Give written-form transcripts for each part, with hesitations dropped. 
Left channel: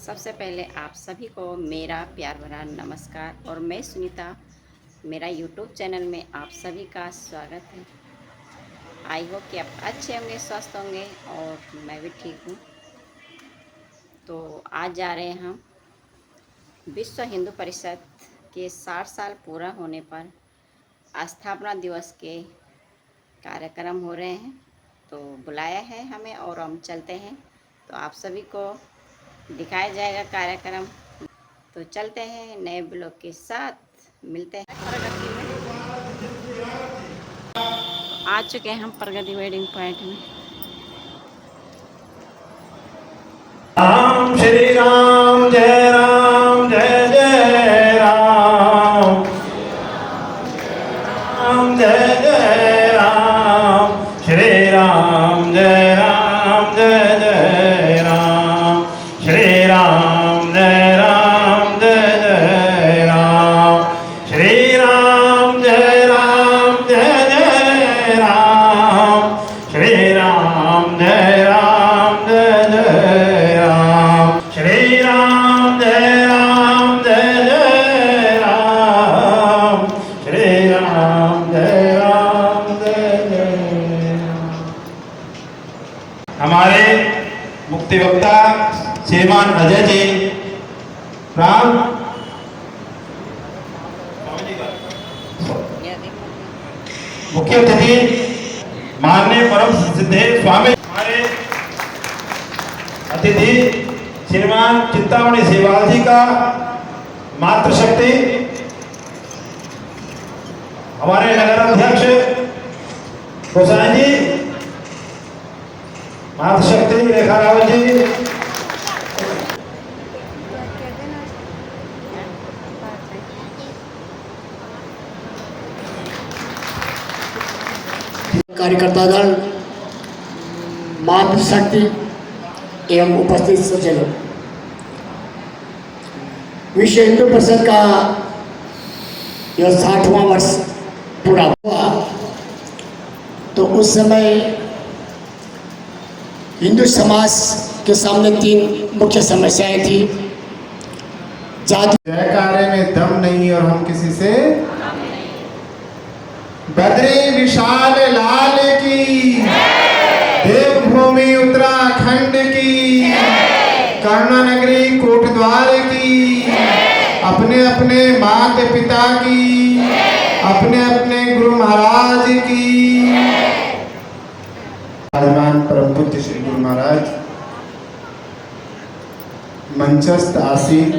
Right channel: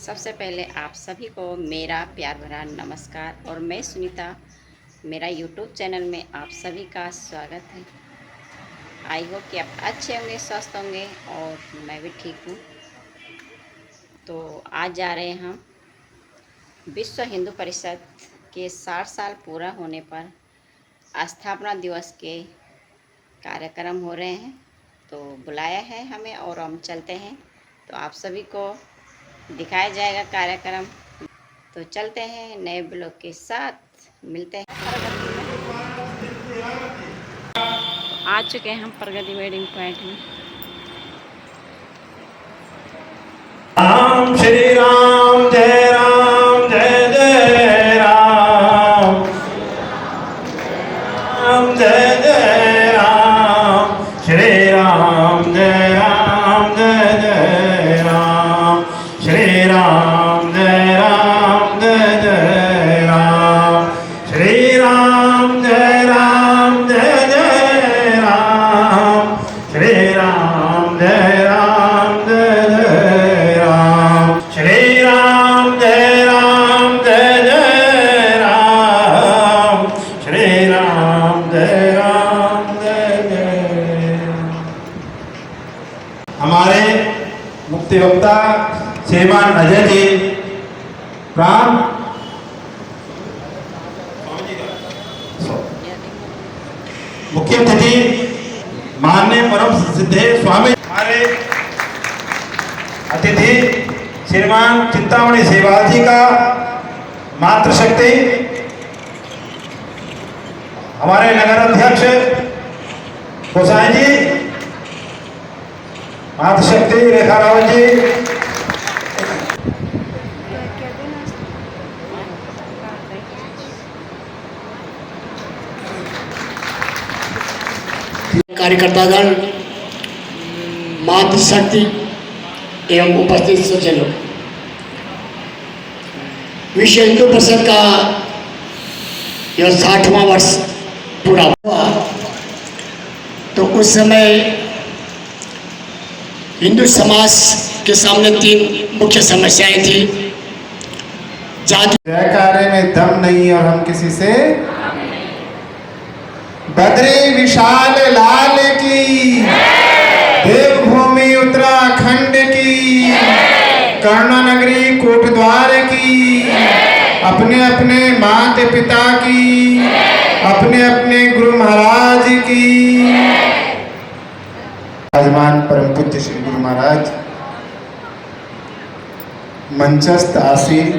सबसे पहले आप सभी को मेरा प्यार भरा नमस्कार। और मैं सुनीता, मेरा यूट्यूब चैनल में आप सभी का स्वागत है। आई होप कि आप अच्छे होंगे, स्वस्थ होंगे और मैं भी ठीक हूँ। तो आज जा रहे हैं हम विश्व हिंदू परिषद के 60 साल पूरा होने पर स्थापना दिवस के कार्यक्रम हो रहे हैं। तो बुलाया है हमें और हम चलते हैं। तो आप सभी को दिखाया जाएगा कार्यक्रम। तो चलते हैं नए ब्लॉग के साथ, मिलते हैं प्रगति में। तो आ चुके हैं हम प्रगति वेडिंग पॉइंट में। राम श्री राम जय जय राम, राम जय जय राम, श्री राम जय जय राम, श्री राम जय जय राम, श्री राम जय जय राम, श्री राम जय जय राम, श्री राम जय जय राम, श्री राम जय जय राम। हमारे मुक्ति वक्ता श्रीमान अजय जी, राम मुख्य अतिथि माननीय परम सिद्धेश्वर स्वामी, हमारे अतिथि श्रीमान चिंतामणि सेवाल जी का मातृशक्ति, हमारे नगर अध्यक्ष गोसाई जी, मातृशक्ति रेखा रावल जी, कार्यकर्तागण, मातृशक्ति एवं उपस्थित सज्जनों, विश्व हिंदू परिषद का यह 60वां वर्ष पूरा हुआ। तो उस समय हिंदू समाज के सामने 3 मुख्य समस्याएं थी। जाति, जयकारे में दम नहीं और हम किसी से बद्री विशाल लाल की, देवभूमि उत्तराखंड की, कर्णा नगरी कोटद्वार की, अपने अपने माता पिता की, अपने अपने गुरु महाराज की। विराजमान परम पूज्य श्री गुरु महाराज, मंचस्थ आसीन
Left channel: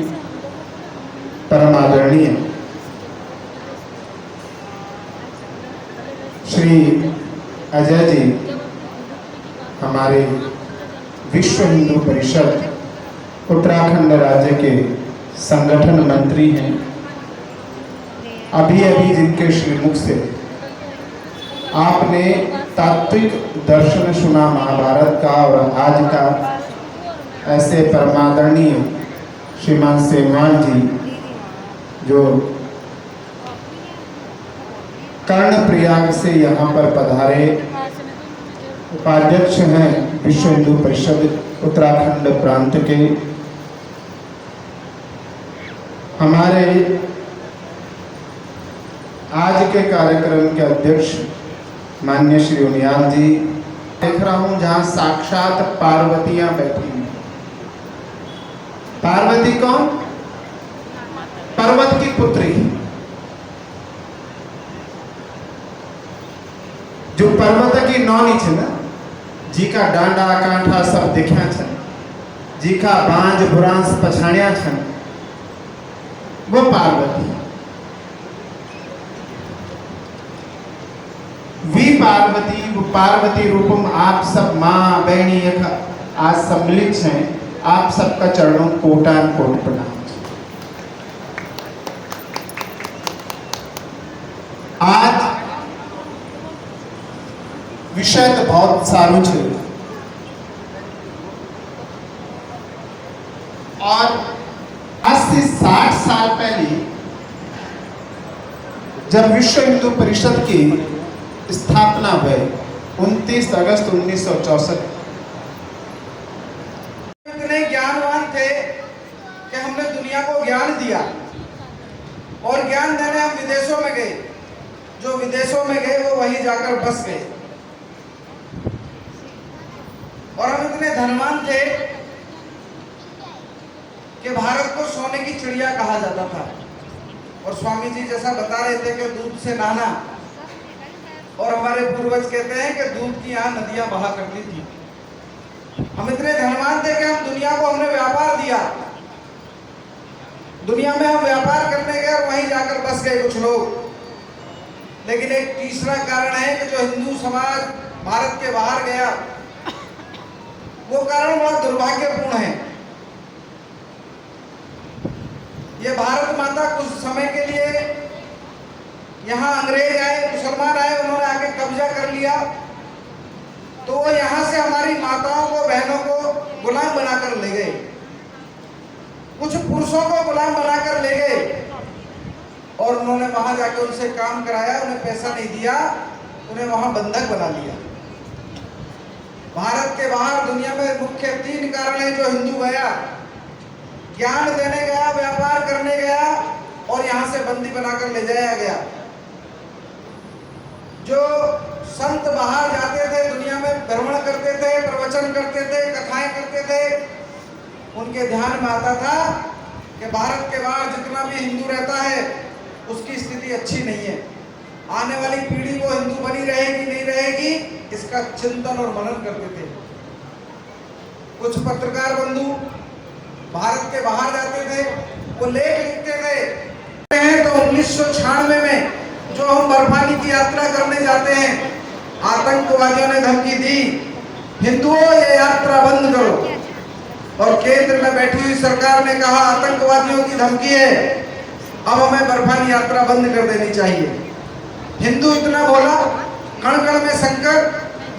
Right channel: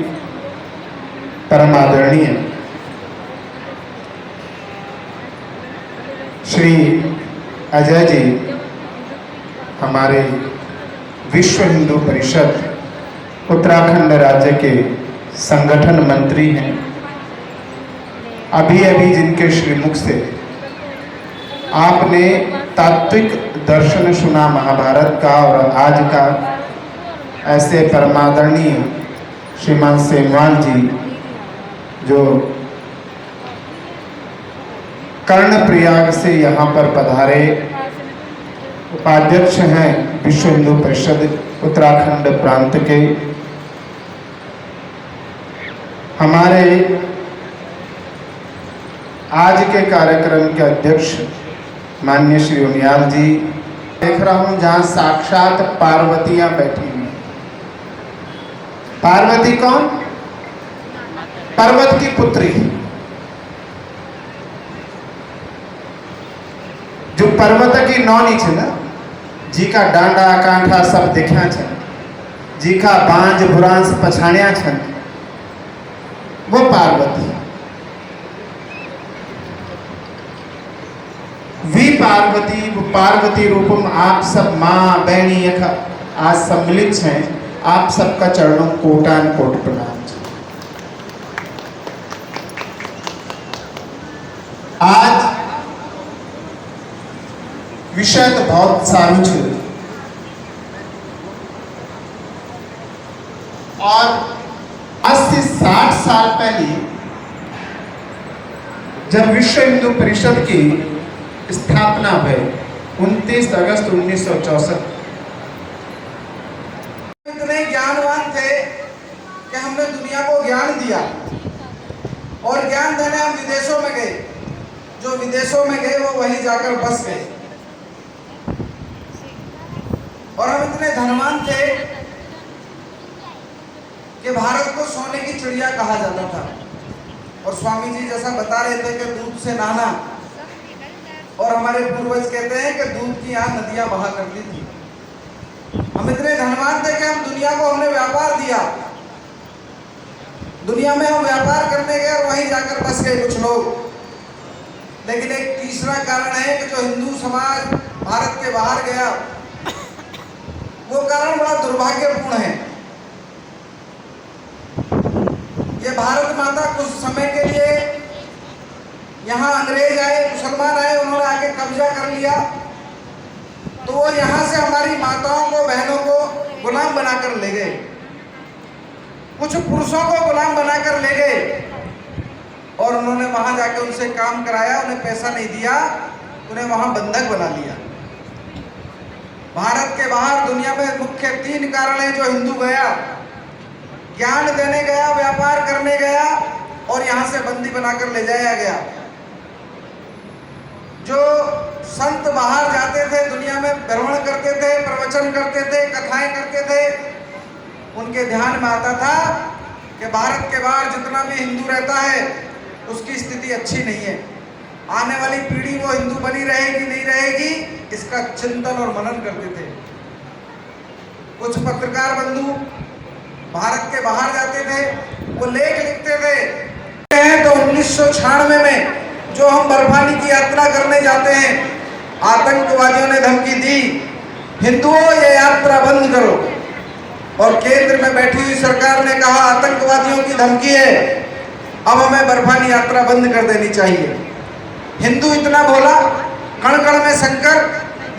परम आदरणीय श्री अजय जी, हमारे विश्व हिंदू परिषद उत्तराखंड राज्य के संगठन मंत्री हैं। अभी अभी जिनके श्रीमुख से आपने तात्विक दर्शन सुना महाभारत का, और आज का ऐसे परमादरणीय श्रीमान सेमवाल जी जो कर्णप्रयाग से यहाँ पर पधारे, उपाध्यक्ष हैं विश्व हिंदू परिषद उत्तराखंड प्रांत के, हमारे आज के कार्यक्रम के अध्यक्ष माननीय श्री उनियाल जी। देख रहा हूं जहां साक्षात पार्वतियां बैठी हैं। पार्वती कौन? पर्वत की पुत्री, जो पर्वत की नौनी छे ना, जी का डांडा कांठा सब देखा छे, जी का बांज बुरांस पछाण्या छे, वो पार्वती। वी पार्वती, वो पार्वती रूपम आप सब माँ बहनी आज सम्मिलित हैं। आप सबका चरणों कोटान कोट प्रणाम। आज विषय तो बहुत सारू है, और आज से 60 साल पहले जब विश्व हिंदू परिषद की स्थापना हुई 29 अगस्त 1964, इतने ज्ञानवान थे कि हमने दुनिया को ज्ञान दिया और ज्ञान देने हम विदेशों में गए। जो विदेशों में गए वो वहीं जाकर बस गए और हम इतने धनवान थे कि भारत को सोने की चिड़िया कहा जाता था। और स्वामी जी जैसा बता रहे थे कि दूध से नहाना, और हमारे पूर्वज कहते हैं कि दूध की यहाँ नदियां बहा करती थी। हम इतने धनवान थे कि हम दुनिया को हमने व्यापार दिया। दुनिया में हम व्यापार करने गए और वहीं जाकर बस गए कुछ लोग। लेकिन एक तीसरा कारण है कि जो हिंदू समाज भारत के बाहर गया, वो कारण बड़ा दुर्भाग्यपूर्ण है। ये भारत माता कुछ समय के लिए यहाँ अंग्रेज आए, मुसलमान आए, उन्होंने आके कब्जा कर लिया, तो वो यहाँ से हमारी माताओं को, बहनों को गुलाम बनाकर ले गए। कुछ पुरुषों को गुलाम बनाकर ले गए और उन्होंने वहां जाके उनसे काम कराया, उन्हें पैसा नहीं दिया, उन्हें वहां बंधक बना लिया। भारत के बाहर दुनिया में मुख्य 3 कारण है जो हिंदू गया: ज्ञान देने गया, व्यापार करने गया और यहां से बंदी बनाकर ले जाया गया। जो संत बाहर जाते थे, दुनिया में भ्रमण करते थे, प्रवचन करते थे, कथाएं करते थे, उनके ध्यान में आता था कि भारत के बाहर जितना भी हिंदू रहता है उसकी स्थिति अच्छी नहीं है। आने वाली पीढ़ी वो हिंदू बनी रहेगी नहीं रहेगी, इसका चिंतन और मनन करते थे। कुछ पत्रकार बंधु भारत के बाहर जाते थे, वो लेख लिखते थे। तो 1996 में जो हम बर्फानी की यात्रा करने जाते हैं, आतंकवादियों ने धमकी दी, हिंदुओं ये यात्रा बंद करो। और केंद्र में बैठी हुई सरकार ने कहा आतंकवादियों की धमकी है, अब हमें बर्फानी यात्रा बंद कर देनी चाहिए। हिंदू इतना बोला, कण कण में शंकर,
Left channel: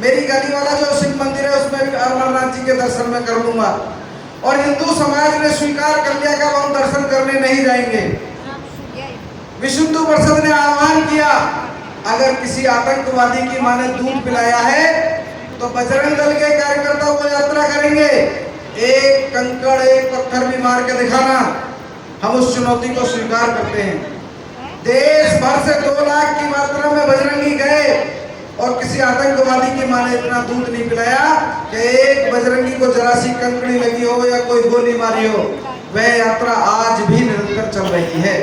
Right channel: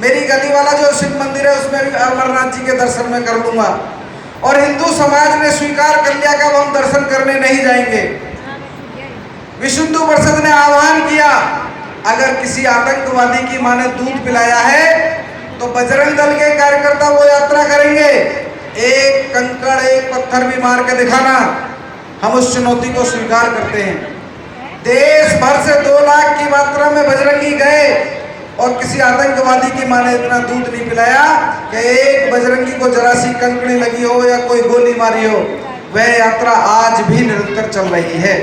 मेरी गली वाला जो शिव मंदिर है उसमें भी अमरनाथ जी के दर्शन में कर लूंगा। और हिंदू समाज ने स्वीकार कर लिया कि हम दर्शन करने नहीं जाएंगे। विश्व हिंदू परिषद ने आह्वान किया, अगर किसी आतंकवादी की मां ने दूध पिलाया है तो बजरंग दल के कार्यकर्ता वो यात्रा करेंगे। एक कंकड़, एक पत्थर भी मार के दिखाना, हम उस चुनौती को स्वीकार करते हैं। देश भर से 2 लाख की मात्रा में बजरंगी गए और किसी आतंकवादी की मां ने इतना दूध नहीं पिलाया कि एक बजरंगी को जरा सी कंकड़ी लगी हो या कोई गोली मारी हो। वह यात्रा आज भी निरंतर चल रही है।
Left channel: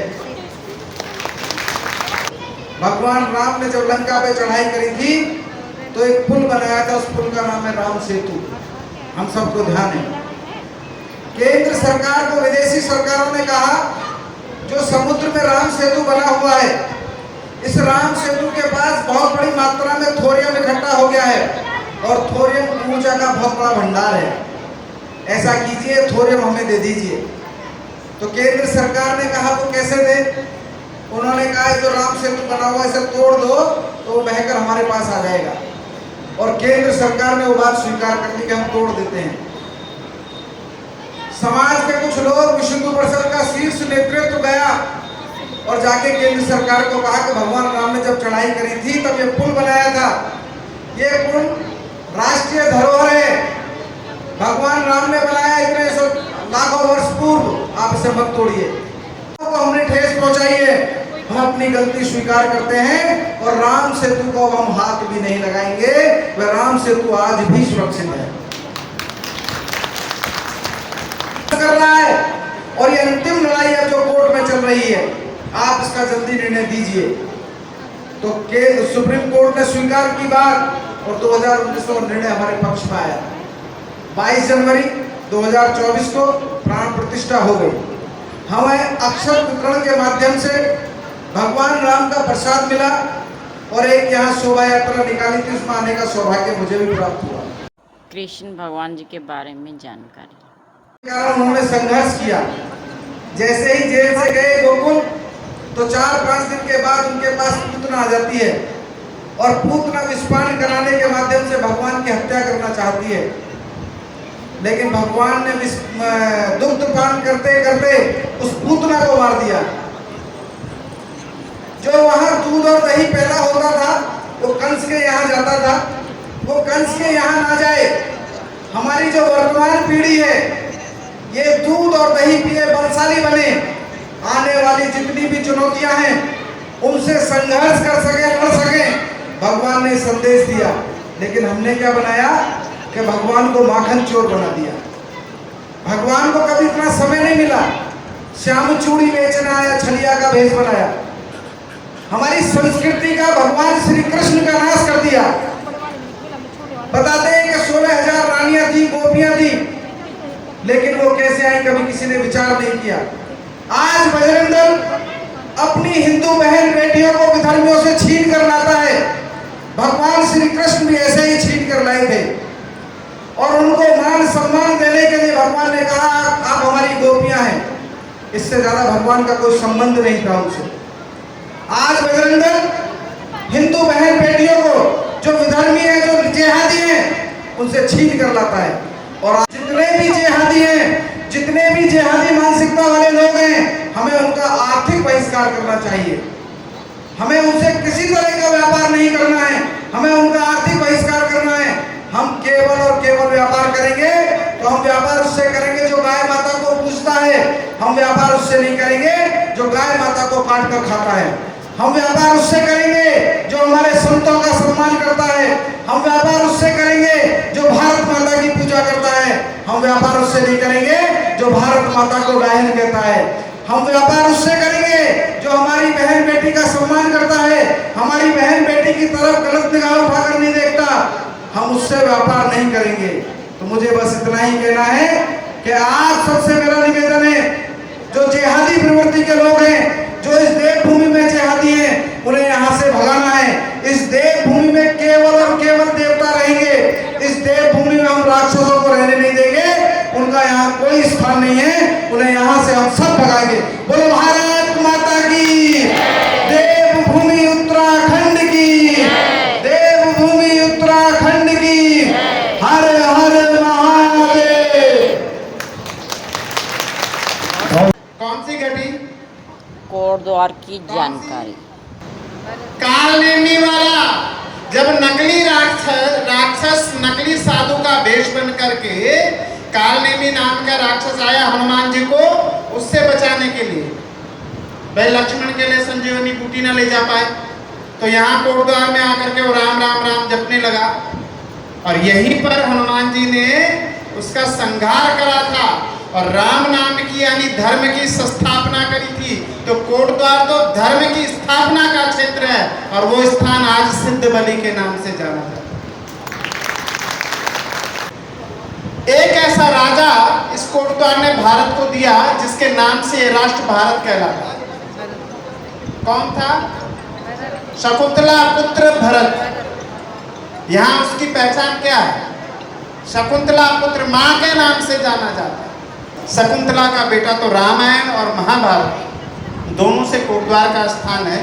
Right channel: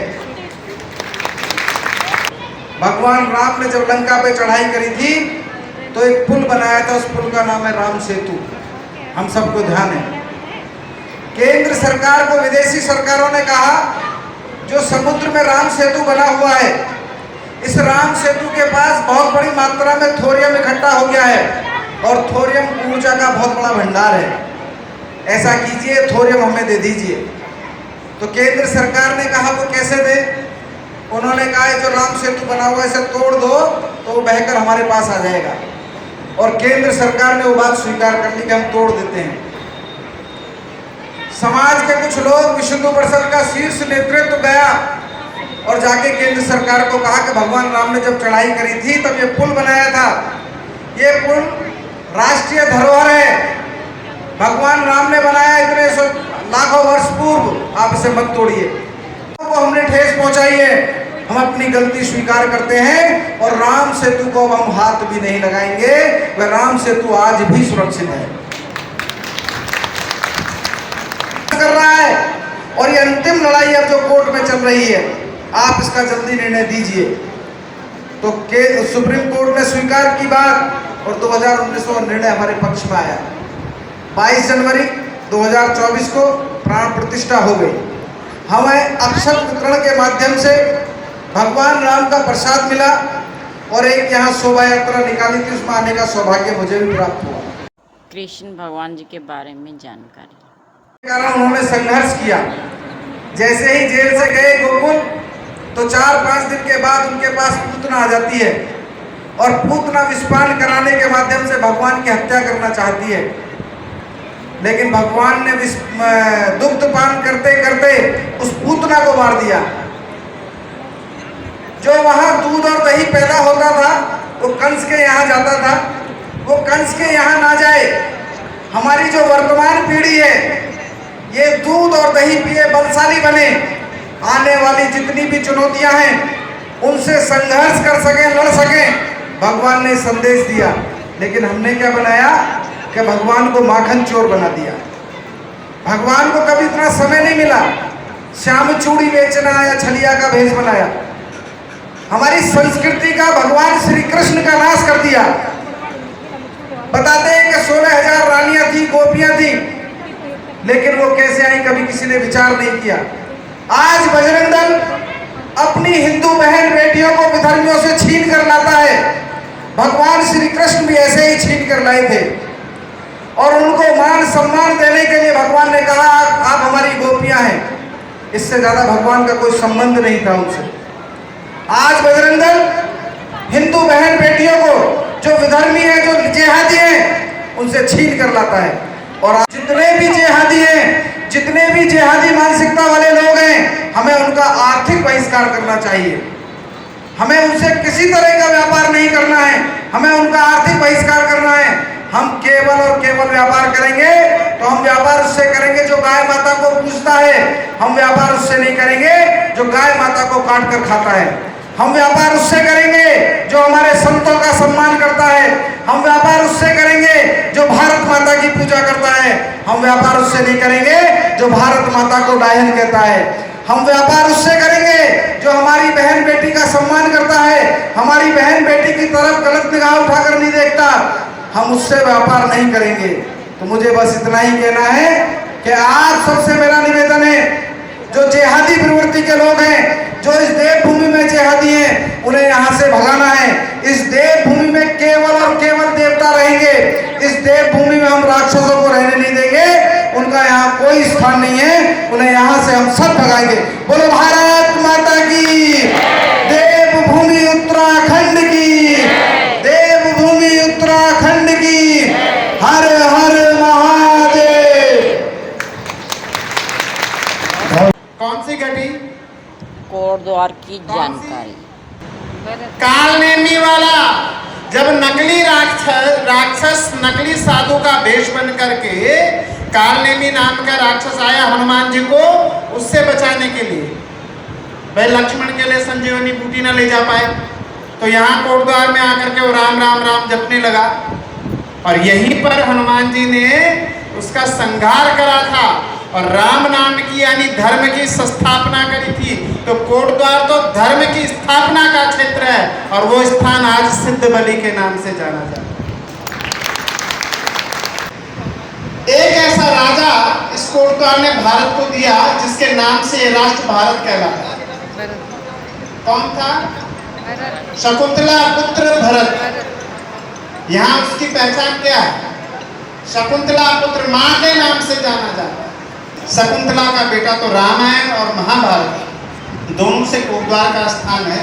भगवान राम ने जब लंका पे चढ़ाई करी थी तो एक पुल बनाया था, उस पुल का नाम है राम सेतु। हम सबको ध्यान है। केंद्र सरकार को विदेशी सरकारों ने कहा जो समुद्र में राम सेतु बना हुआ है, इस राम सेतु के पास बहुत बड़ी मात्रा में थोरियम इकट्ठा हो गया है और थोरियम ऊर्जा का बहुत बड़ा भंडार है। ऐसा कीजिए, थोरियम हमें दे दीजिए। तो केंद्र सरकार ने कहा वो कैसे दे? उन्होंने कहा जो राम सेतु बना हुआ है इसे तोड़ दो तो वो बहकर हमारे पास आ जाएगा। और केंद्र सरकार ने वो बात स्वीकार कर ली कि हम तोड़ देते हैं। समाज के कुछ लोग, विश्व हिंदू परिषद का शीर्ष नेतृत्व गया और जाके केंद्र सरकार को कहा कि भगवान राम ने जब चढ़ाई करी थी तब ये पुल बनाया था, ये पुल राष्ट्रीय धरोहर है, भगवान राम ने बनाया इतने लाखों वर्ष पूर्व, आप इसे मत तोड़िए। तो हमने ठेस पहुंचाई है, हम अपनी गलती स्वीकार करते हैं और राम सेतु को हम हाथ भी नहीं लगाएंगे। वह राम सेतु आज भी सुरक्षित है कर रहा है। और ये अंतिम लड़ाई अब जो कोर्ट में चल रही है, आप इसका जल्दी निर्णय दीजिए। तो सुप्रीम कोर्ट ने स्वीकार की बात और 2019 में निर्णय हमारे पक्ष में आया। 22 जनवरी 2024 को प्राण प्रतिष्ठा हो गई। हमें अक्षत वितरण के माध्यम से भगवान राम का प्रसाद मिला और एक यहाँ शोभा यात्रा निकाली थी, उसमें आने का सौभाग्य मुझे भी प्राप्त हुआ। कृष्ण भगवान जी के बारे में जानकारी। कारण उन्होंने संघर्ष किया। जैसे ही जेल से गए गोकुल तो 4-5 दिन के बाद उनके पास पूतना आ जाती है और पूतना विषपान कराने के माध्यम से भगवान की हत्या करना चाहती है। लेकिन भगवान ने दुग्धपान करते करते उस पूतना को मार दिया। जो वहां दूध और दही पैदा होता था वो कंस के यहाँ जाता था, वो कंस के यहाँ ना जाए। हमारी जो वर्तमान पीढ़ी है ये दूध और दही पिए बलशाली बने, आने वाली जितनी भी चुनौतियां हैं उनसे संघर्ष कर सके, लड़ सके, भगवान ने संदेश दिया। लेकिन हमने क्या बनाया कि भगवान को माखन चोर बना दिया। भगवान को कभी इतना समय नहीं मिला, श्याम चूड़ी बेचना या छलिया का भेष बनाया। हमारी संस्कृति का भगवान श्री कृष्ण का नाश कर दिया। बताते हैं कि 16,000 रानियां थी, गोपियां थी, लेकिन वो कैसे आई कभी किसी ने विचार नहीं किया। आज बजरंग दल अपनी हिंदू बहन बेटियों को विधर्मियों से छीन कर लाता है। भगवान श्री कृष्ण भी ऐसे ही छीन कर लाए थे और उनको मान सम्मान देने के लिए भगवान ने कहा आप हमारी गोपियां हैं। इससे ज्यादा भगवान का कोई संबंध नहीं था उनसे। आज बजरंग दल हिंदू बहन बेटियों को, जो विधर्मी है, जो जिहादी हैं, उनसे छीन कर लाता है। और जितने भी जिहादी हैं, जितने भी जिहादी मानसिकता वाले लोग हैं, हमें उनका आर्थिक बहिष्कार करना चाहिए। हमें उनसे किसी तरह का व्यापार नहीं करना है, हमें उनका आर्थिक बहिष्कार करना है। हम केवल और केवल व्यापार करेंगे तो हम व्यापार उससे करेंगे जो गाय माता को पूजता है। हम व्यापार उससे नहीं करेंगे जो गाय माता को काट कर खाता है। हम व्यापार उससे करेंगे जो हमारे संतों का सम्मान करता है। हम व्यापार उससे करेंगे जो भारत माता की पूजा करता है। हम व्यापार उससे नहीं करेंगे जो भारत माता को डायन कहता है। हम व्यापार उससे करेंगे जो हमारी बहन बेटी का सम्मान करता है, हमारी बहन बेटी की तरफ गलत निगाह उठाकर नहीं देखता। हम उससे व्यापार नहीं करेंगे। तो मुझे बस इतना ही कहना है कि आज सबसे मेरा निवेदन है, जो जिहादी प्रवृत्ति के लोग हैं, जो इस देवभूमि में जिहादी हैं, उन्हें यहाँ से भगाना है। इस देवभूमि में केवल और केवल देवता रहेंगे। इस देवभूमि में हम राक्षसों को रहने नहीं देंगे। उनका यहाँ कोई स्थान नहीं है। उन्हें यहाँ से हम सब भगाएंगे। बोलो भारत माता की, देवभूमि उत्तराखंड की, देवभूमि उत्तराखंड की। हर हर महादेव। कौन सी घटी? कोटद्वार की जानकारी। कालनेमी वाला जब नकली राक्षस नकली साधु का वेश बन करके कालनेमी नाम का राक्षस आया हनुमान जी को उससे बचाने के लिए। भाई लक्ष्मण के लिए संजीवनी बूटी न ले जा पाए तो यहाँ कोटद्वार में आकर के वो राम राम राम जपने लगा और यहीं पर हनुमान जी ने उसका संहार करा था और राम नाम की यानी धर्म की स्थापना करी थी। तो कोटद्वार तो धर्म की स्थापना का क्षेत्र है और वो स्थान आज सिद्ध बलि के नाम से जाना जाता है। एक ऐसा राजा इस कोटद्वार ने भारत को दिया जिसके नाम से ये राष्ट्र भारत कहलाता है। कौन था? शकुंतला पुत्र भरत। यहाँ उसकी पहचान क्या है? शकुंतला पुत्र, मां के नाम से जाना जाता है। शकुंतला का बेटा तो राम है और महाभारत दोनों से कोटद्वार का स्थान है।